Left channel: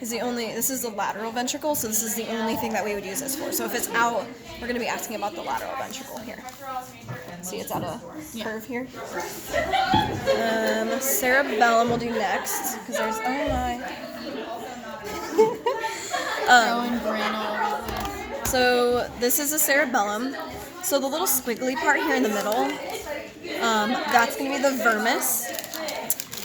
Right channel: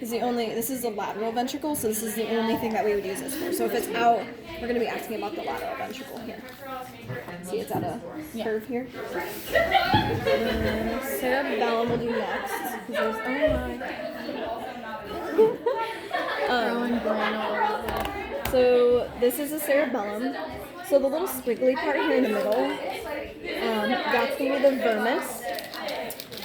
this is the lateral ventricle, so this is the only thing that we would use this for. So if it's out, we're going to be asking about the lateral ventricle here. See, it's on a curve here. Cerebellum we'll do next, because there's, so this is the cerebellum. So the little squiggly part here in the middle, that's going to be the vermis.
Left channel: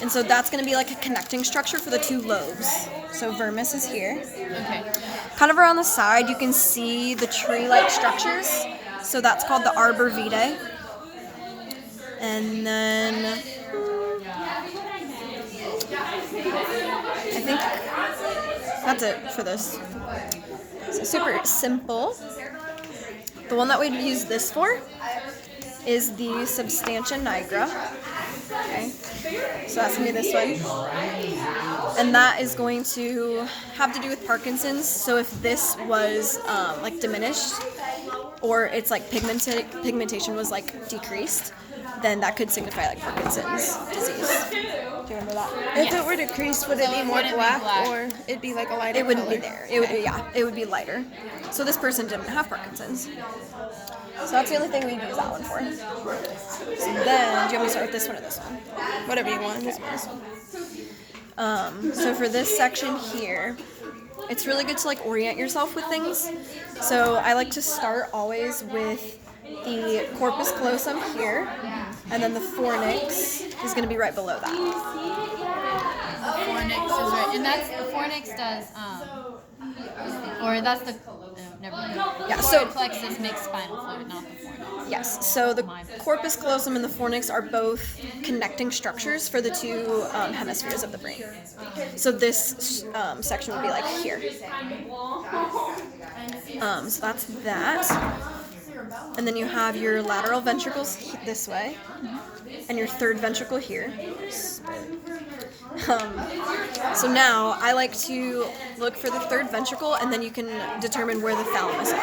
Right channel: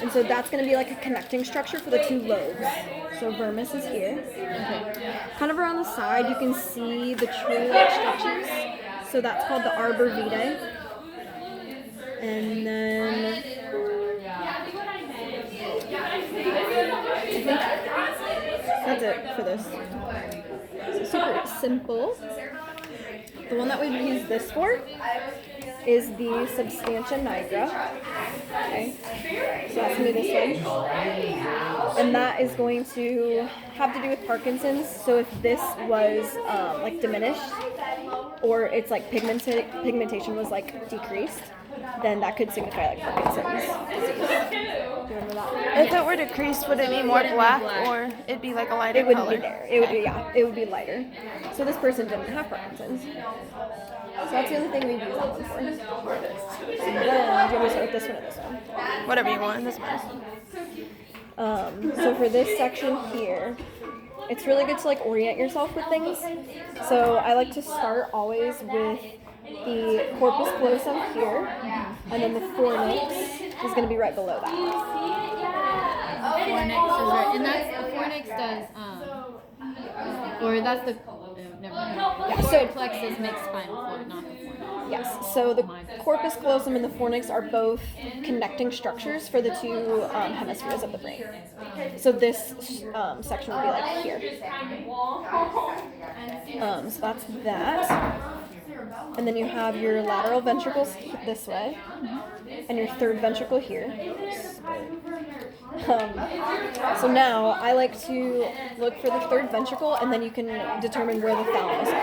And so that's going to be like a connecting structure for the two lobes. So vermis is here. Okay. Kind of around the side, you can see the tree-like structures. So that's called the arbor vitae. And then I think that's it for this. So super simple. The one that we'd use this for is the substantia nigra. Okay, so that's going to be this one. And that is going to have to do with Parkinson's. So if this was like diminished, or it's like pigmentation was like decreased, then that could signify like Parkinson's disease. If it were decreased, would it be more black, or it'd be like a lighter color? It wouldn't color? be there. It would be, it would be lighter. So this person didn't have Parkinson's. So that's the only thing we'd use that one for. So then, do you want me to start with this one or this one? Whatever you want. This one. So for this section here, it's really good to like orient yourself with things. So I like to start always with the corpus callosum here, and then the fornix is going to be right below that. Fornix is right, and that's the fornix does, or that's the, never mind. Yeah, so plexus makes spinal fluid, not the fornix. Yes, so the corpus callosum and the fornix are both connecting structures for the two hemispheres of the brain. So this section would be like here. So that's that. And then you have your lateral ventricles this way, and your third ventricle here. So now I like to look for the third ventricle, and then you can determine where the thalamus is.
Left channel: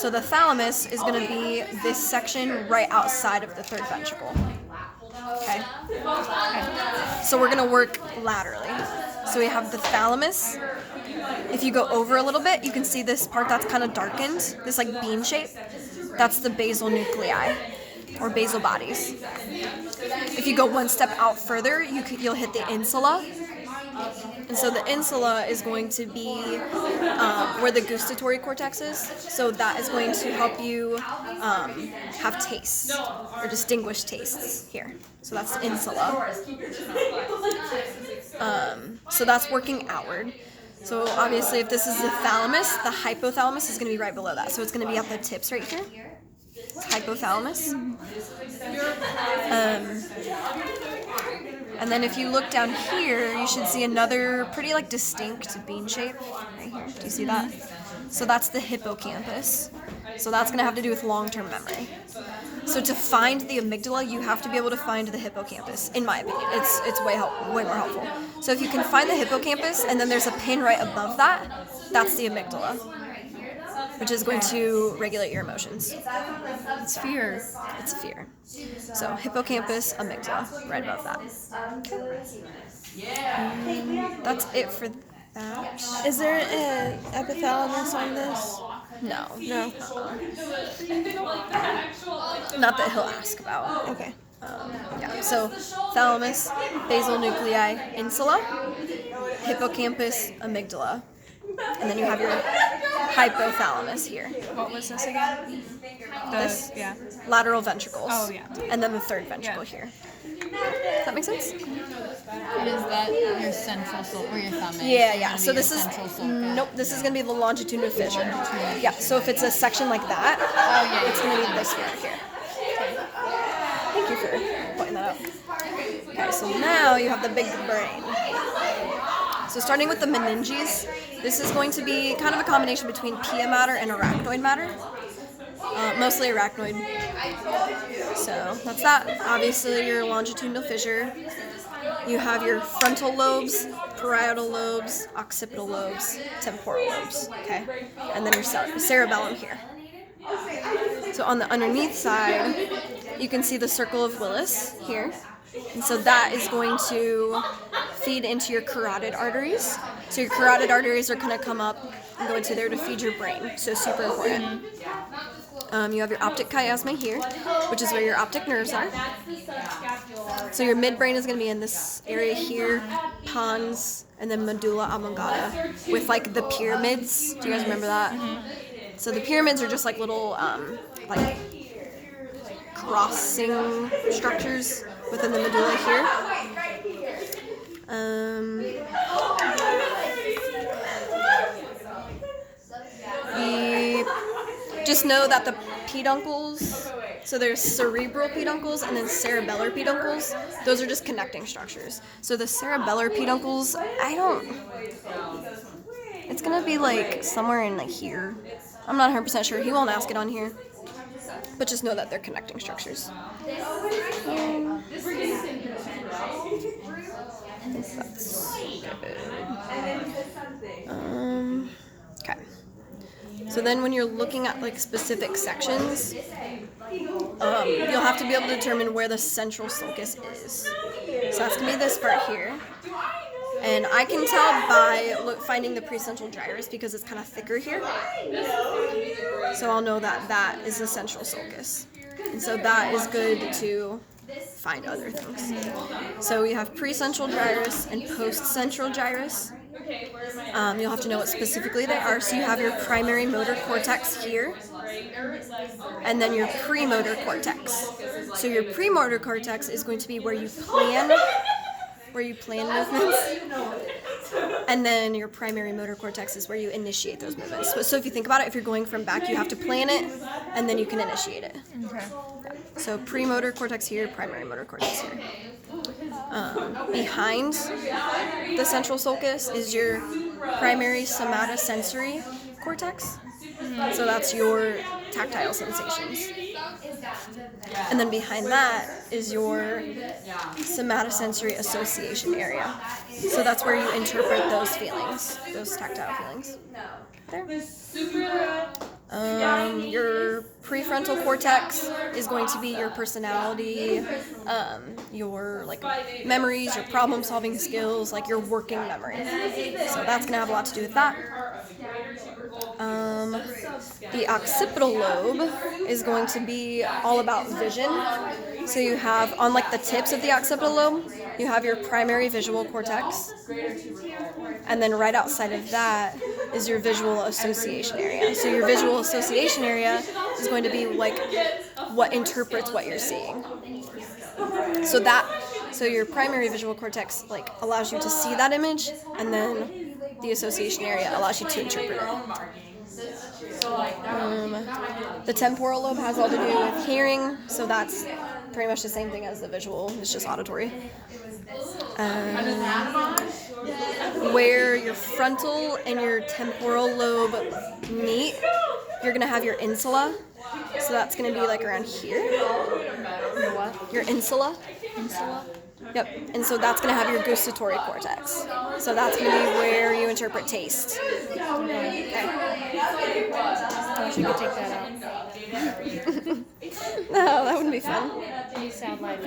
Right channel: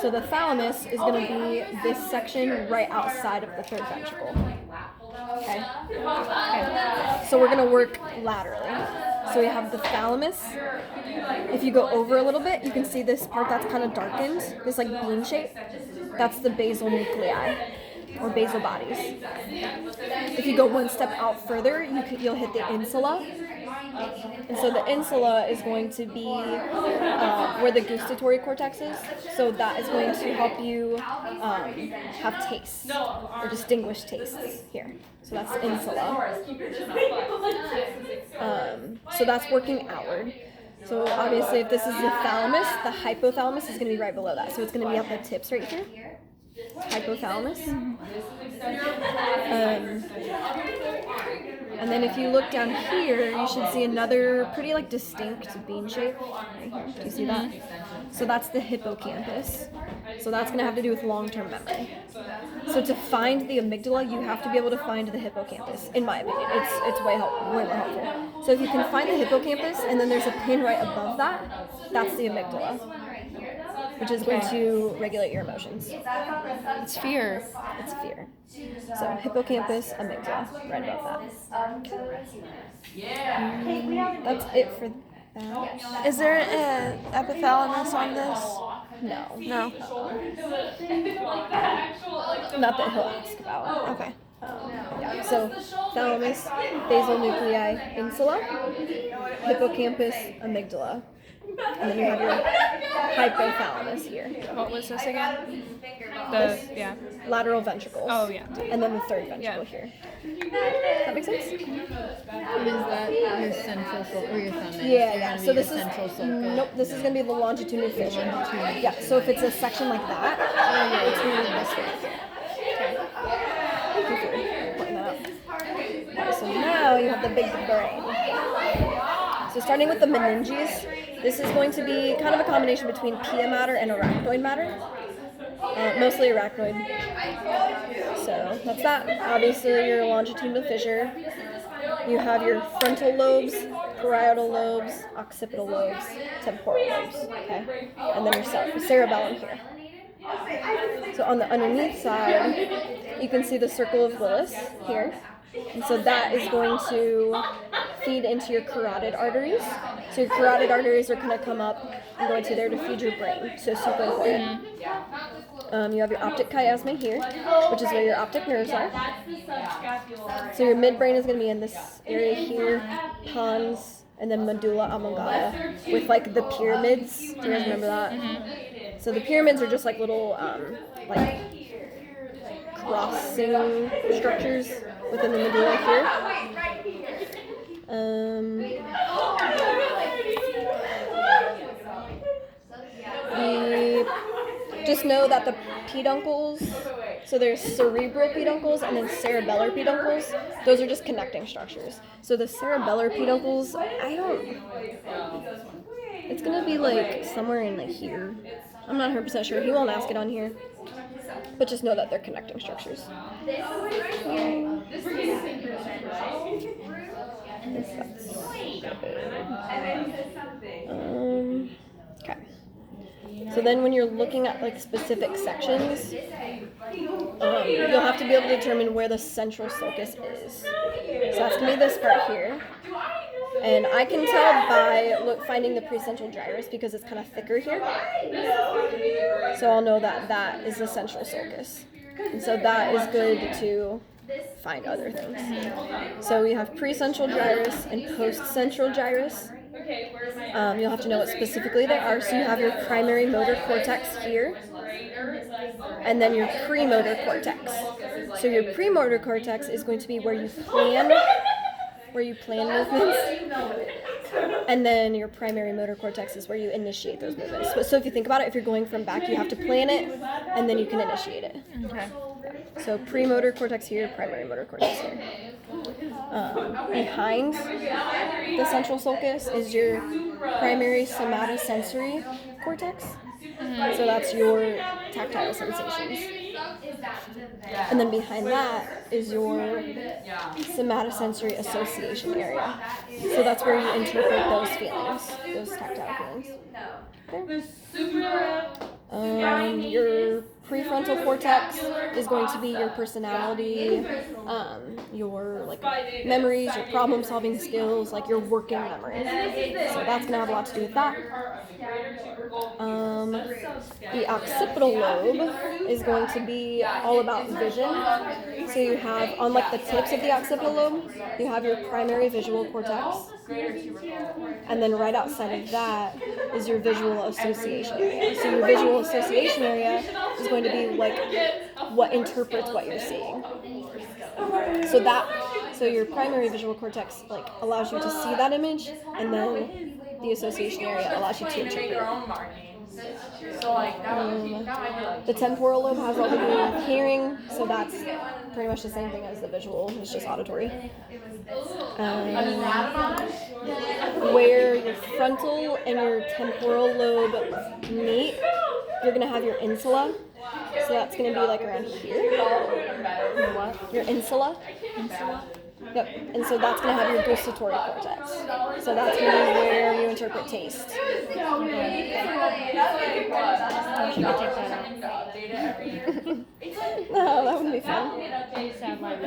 So the thalamus is going to be this section right outside of the third ventricle. Okay? So we're going to work laterally. So we have the thalamus. If you go over a little bit, you can see this part that's kind of darkened, this like bean shape. That's the basal nuclei, or basal bodies. If you go one step out further, you'll hit the insula. And so the insula is going to be where the gustatory cortex is. So that is going to help you have tastes, or distinguish tastes here. So that's the insula. So that's working outward. So obviously if this is the thalamus, the hypothalamus is going to be right below that. So it's going to be at the tips right here. Hypothalamus. And then if you look down here, you should see another pretty like distinct bean shape right here. Do you see that? So that's the hippocampus. So that's going to have to do with long-term memory. So to find the amygdala, you have to be able to find the hippocampus, in my opinion. It's way more helpful. So if you can find the hippocampus, and then there's a pin right above that, that's the amygdala, which is going to regulate your emotions. It's fear. It's fear. So hippocampus, amygdala, right above that. That's it for that. Is there an epithalamus on this? No. No. Not that he'll ask about. Okay. Yeah. So thalamus, basal nuclei, insula, hippocampus, amygdala. And then you have your hypothalamus here. What was this again? Lateral ventricles. Oh, yeah. And then the third ventricle here. Does that make sense? And is that your central sulcus, or your thumb? Yeah. So this is, this is going to be the longitudinal fissure. Yeah, so if it's a section like that, it's going to be this right here. Okay. Thank you for pointing that out. Okay, so now you have the big brain. So starting with the meninges, this is going to be kind of a combination between pia mater and arachnoid matter. Mostly arachnoid. So that's that. Obviously your longitudinal fissure. You have your frontal lobes, parietal lobes, occipital lobes, temporal lobes. Okay, and then your cerebellum here. So on the underneath side, you can see the circle of Willis here. And so that is going to feed into your carotid arteries. So your carotid arteries are going to come up and go into there to feed your brain. So super important. You have your optic chiasma here, which is where your optic nerves are. So your midbrain is going to be in this area here, pons, and then medulla oblongata, with like the pyramids. Do you guys remember that? So the pyramids are just like little like crossing structures within the medulla here. Just know that the peduncles, so there's cerebral peduncles and then cerebellar peduncles. Those are just connecting structures. So the cerebellar peduncles, it's gonna be like somewhere in like here. I'm not 100% sure. He won't ask it on here. But just know that they're connecting structures. Okay. So then when you're looking at like specific sections, you'll have to be able to determine where the central sulcus is. So it's going to be this part here. And I can tell by finding the precentral gyrus because it's kind of thicker here. So I'll know that that is the central sulcus. And so that is good to find other things. So we have precentral gyrus and postcentral gyrus. You'll have to know what specifically they are. So you have your primary motor cortex here, and then your premotor cortex. So your premotor cortex is going to be where you plan movements, and then your primary motor cortex is where you initiate those movements. So if you think about it, if you're going from back, you have to plan it, and then you can initiate it. Okay. So premotor cortex here, primary motor cortex here. Behind the central sulcus is your primary somatosensory cortex. So that's your tactile sensations. And then behind that is your somatosensory association area. So that's where you interpret those feelings, those tactile feelings. Your prefrontal cortex is going to be your personality, your like memories, your problem-solving skills, like your working memory. So that's gonna have a lot to do with that. The occipital lobe is going to be all about vision. So you have, on like the tips of the occipital lobe, you have your primary visual cortex. And then right outside of that is your visual association area. So your visual association area is going to be like what interprets what you're seeing. So your primary visual cortex like allows you to see that image, and then the association area allows you to interpret it. The temporal lobe has all to do with hearing, so that's pretty much the same thing as the visual, it's just auditory. Where your frontal and your temporal lobe meet, you're going to have your insula. So that's going to be like around here. What? Your insula. Insula? Yep. And so that's going to have your gustatory cortex. So that's going to be where you interpret taste. I wish you could take that out. No, that wouldn't be fun. Sad life.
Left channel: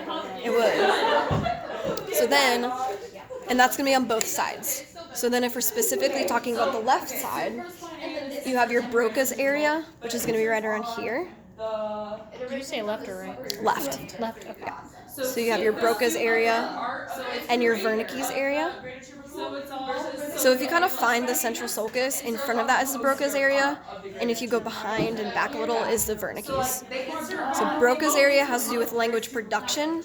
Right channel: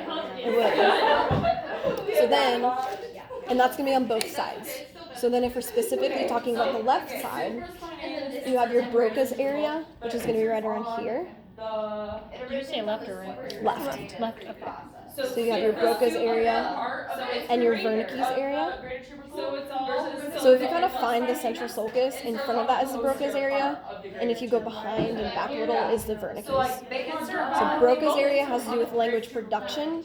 It would. So then, and that's going to be on both sides. So then if we're specifically talking about the left side, you have your Broca's area, which is going to be right around here. Did you say left or right? Left. Left, okay. So you have your Broca's area and your Wernicke's area. So if you kind of find the central sulcus, in front of that is the Broca's area, and if you go behind and back a little is the Wernicke's. So Broca's area has to do with language production.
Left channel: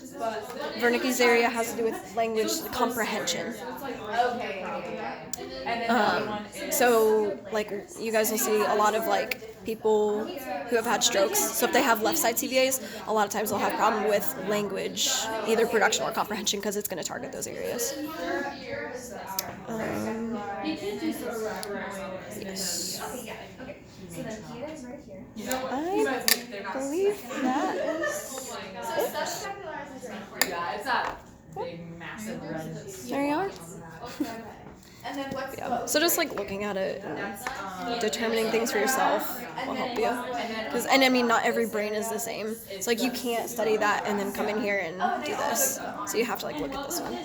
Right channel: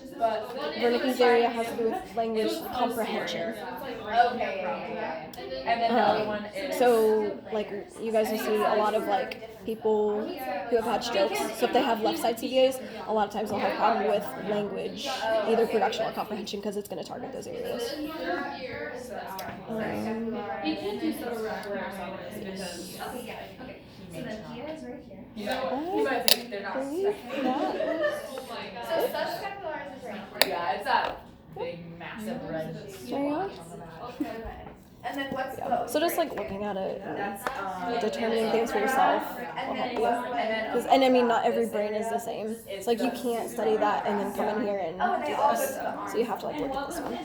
Wernicke's area has to do with language comprehension. So like you guys will see a lot of like people who have had strokes. So if they have left side CVAs, a lot of times they'll have a problem with language, either production or comprehension, because it's going to target those areas. Yes. I believe Yeah, it's that big, massive red. there you are. Yeah. So just like looking at it and determining things for yourself will help you. And I mean, not every brain is the same. It's like you can't study that and then come in here and do this. So you have to like look at this one.